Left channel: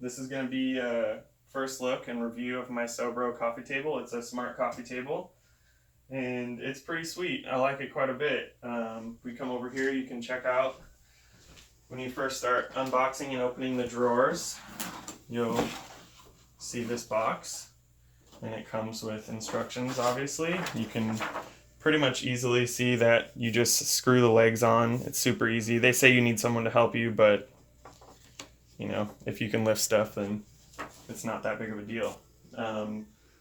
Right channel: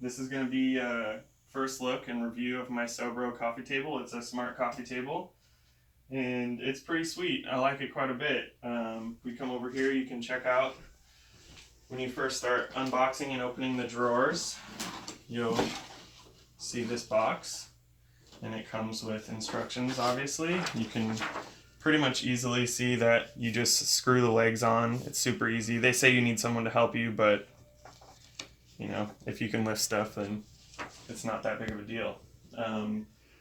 This is going to be a first look and review of my Sobro coffee table. It's a smart coffee table, and it's pretty sweet. I like it quite a bit. We come over here, you can check out when you first start unboxing and opening the drawers, you'll see this box, and it comes with instructions, obviously. You can pretty much easily see that you just screw the legs on. It's super easy. They say you need someone to help you, but you know, if you can lift stuff, then it's not that big of a deal.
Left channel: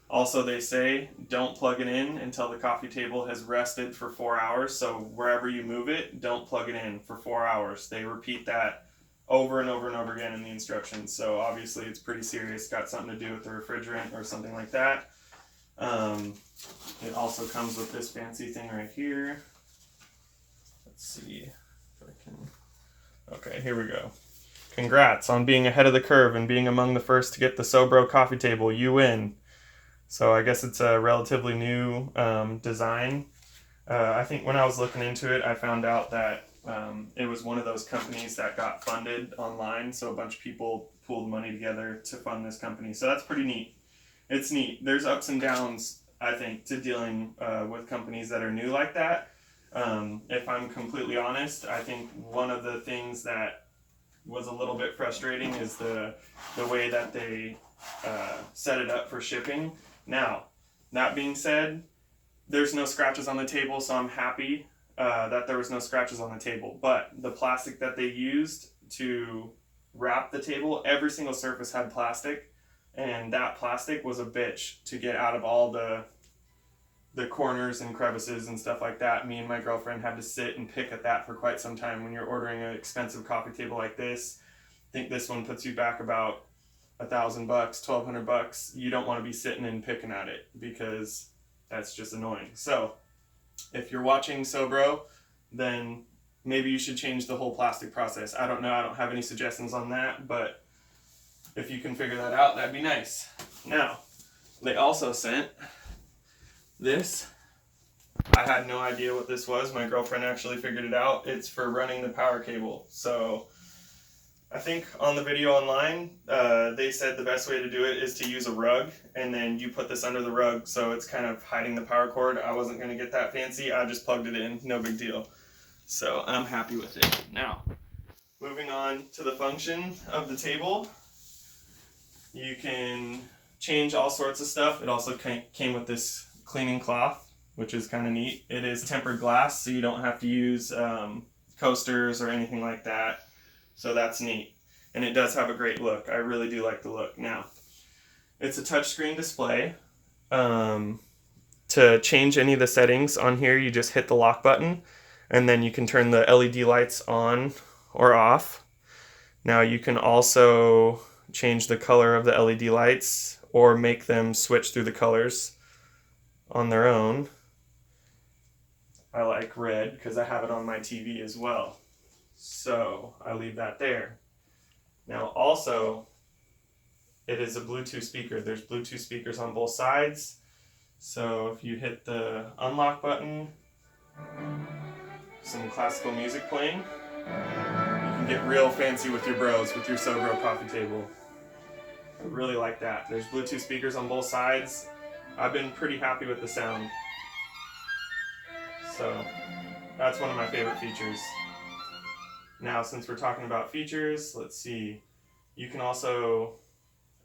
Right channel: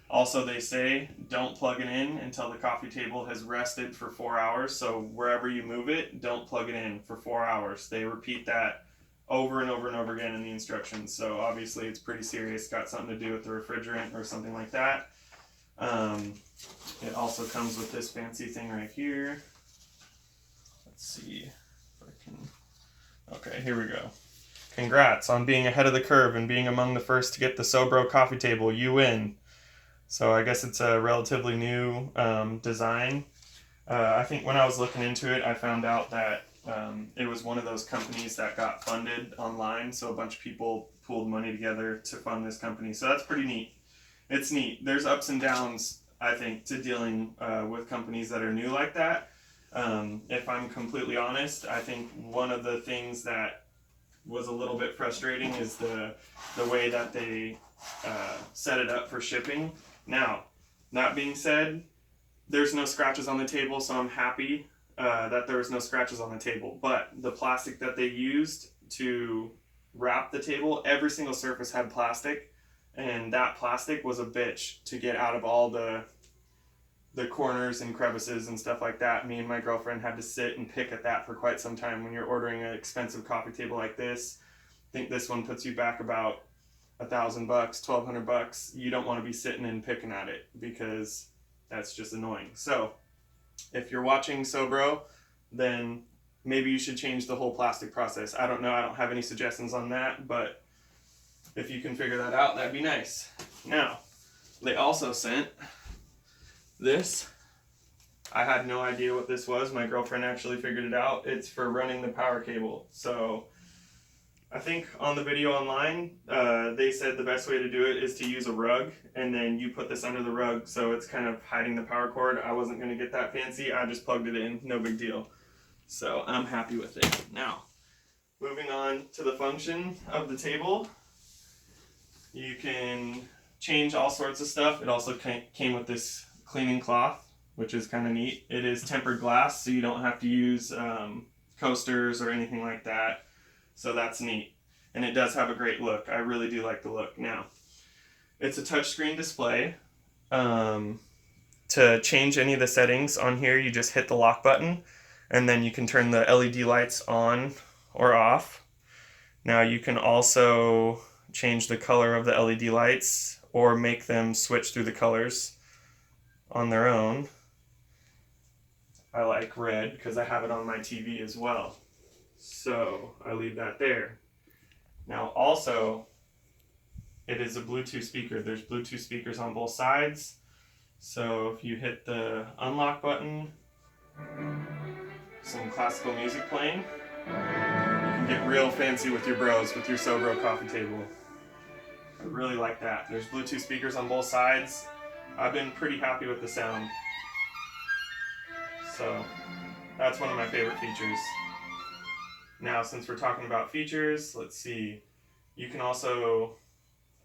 Also, they say don't plug it in until the coffee table has rested for 4 hours. So wherever you move it, don't plug it in for 4 hours. They repeat that over and over and over again in the instructions. So obviously it's pretty serious. Got something to do with the refrigerant or something like that. It also comes with this fancy thing right here. Let's see if I can. Okay, here we go. Congrats on being ahead of the curve and being among the first to get the Sobro coffee table. You win. So I guess it's a relatively new design. I think when I was looking into it, I found out that it was one of those companies that got funded online. So a bunch of people pooled money together to fund this company. So that's pretty neat. It's neat. There's ups and downs, I think, to dealing with companies that are new like that. If I'm completely honest, I think one of the things that was a little bit frustrating is the way that they set it up for shipping. Now, that being said, there's no scratches on the table, so I'm happy that there was no scratches on the table. But the plastic that they used to wrap the table, every single surface had plastic, and that plastic was a bitch to get out of all the corners and crevices and stuff like that. Me and my girlfriend had to sit and pick at that for quite some time. When you're ordering an expensive coffee table like this, I think this one puts you back about $1,000, $1,200. You don't want to be sitting and picking at it because that's just annoying. So if you're watching Sobro, then maybe you should change the whole plastic process. I don't know. I don't have any suggestions on that, but if you can figure that out, that'd be nice. Now, they also sent this. I had no idea what this was. My girlfriend actually figured it out. It's for running the power cable. So I think on the video online, they said the best way to do it is to use a rug, and then you put this under the rug so it's kind of hiding the power cord. I wasn't going to get that fancy. I just plugged it in. No big deal. So I'm happy with it. Now, moving on to the function of the table. You can change all sorts of stuff. It also came with this cleaning cloth, which is kind of neat. It is tempered glass, so you don't have to use coasters or anything like that. So that's neat. And it does have a great look. I really do like the look. Now, it's a touchscreen display. To change any of the settings on here, you just hit the lock button, and then you can turn the LED lights on or off. Now, you can also change the color of the LED lights or make them switch through the colors on their own. I like red because I have it on my TV as well. So I leave that there. Now also, it is a Bluetooth speaker. There's Bluetooth speakers on both sides. So if you hit the unlock button, some classical music playing, you can get real fancy with your bros with your Sobro coffee table. I really like that. There's Bluetooth speakers on both sides. I've been pretty happy with the sound. So that's one of my favorite features. Now, since we're talking about features, let's see. You can also,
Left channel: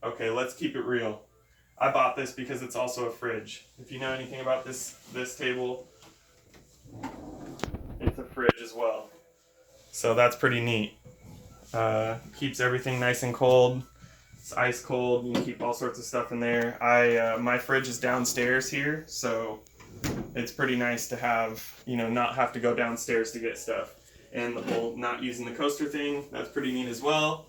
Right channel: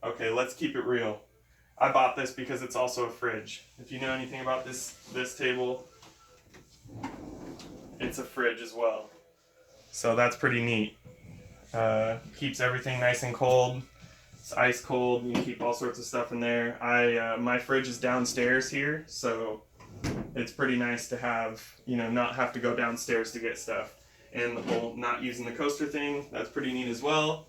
okay, let's keep it real. I bought this because it's also a fridge. If you know anything about this table, it's a fridge as well. So that's pretty neat. Keeps everything nice and cold. It's ice cold. You can keep all sorts of stuff in there. My fridge is downstairs here, so it's pretty nice to have, not have to go downstairs to get stuff. And the whole not using the coaster thing, that's pretty neat as well.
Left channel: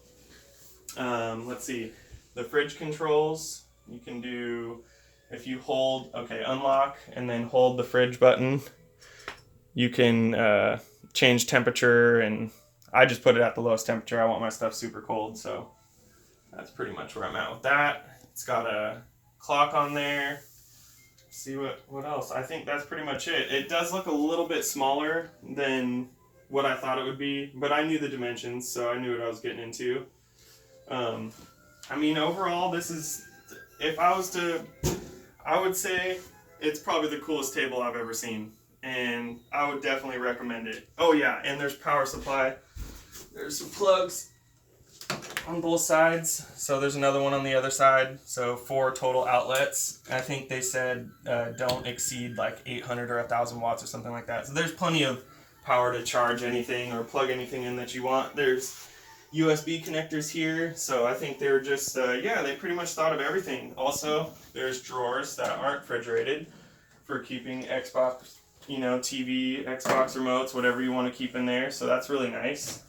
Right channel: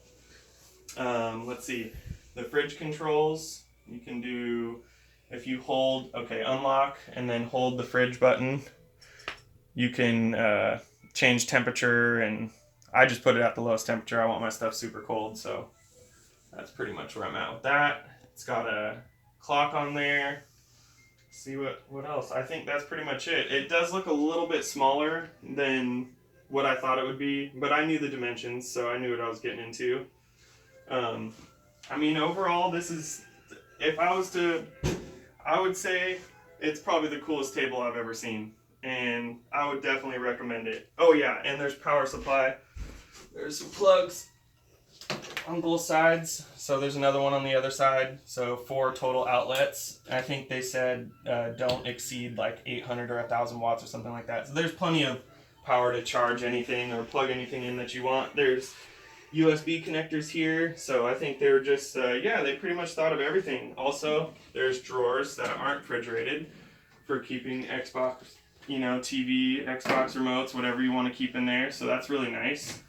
Let's see, the fridge controls, you can do, if you hold, unlock and then hold the fridge button, you can change temperature, and I just put it at the lowest temperature. I want my stuff super cold, so that's pretty much where I'm at with that. It's got a clock on there. See what else? I think that's pretty much it. It does look a little bit smaller than what I thought it would be, but I knew the dimensions, so I knew what I was getting into. I mean, overall, this is, if I was to, I would say it's probably the coolest table I've ever seen. And I would definitely recommend it. Oh yeah, and there's power supply. There's some plugs on both sides. So there's another one on the other side. So 4 total outlets. I think they said don't exceed like 800 or 1,000 watts or something like that. So there's plenty of power to charge anything or plug anything in that you want. There's USB connectors here. So I think they were just, yeah, they pretty much thought of everything. Also, there's drawers that aren't refrigerated for keeping Xbox, you know, TV, Xbox remotes, whatever you want to keep in there. So that's really nice.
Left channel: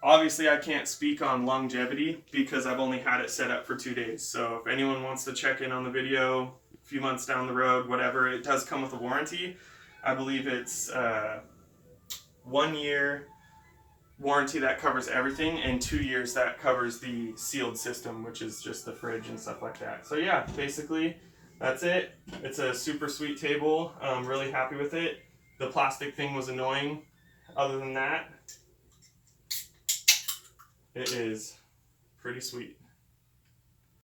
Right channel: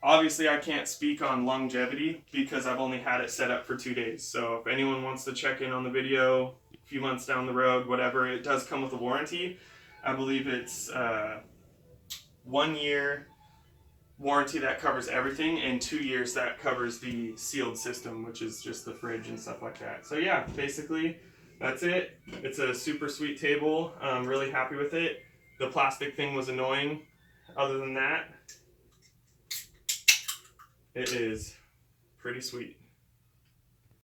Obviously, I can't speak on longevity because I've only had it set up for 2 days. So if anyone wants to check in on the video a few months down the road, whatever, it does come with a warranty. I believe it's 1 year warranty that covers everything, and 2 years that covers the sealed system, which is just the fridge and stuff like that. So yeah, basically that's it. It's a super sweet table. I'm really happy with it. The plastic thing was annoying. Other than that, it is pretty sweet.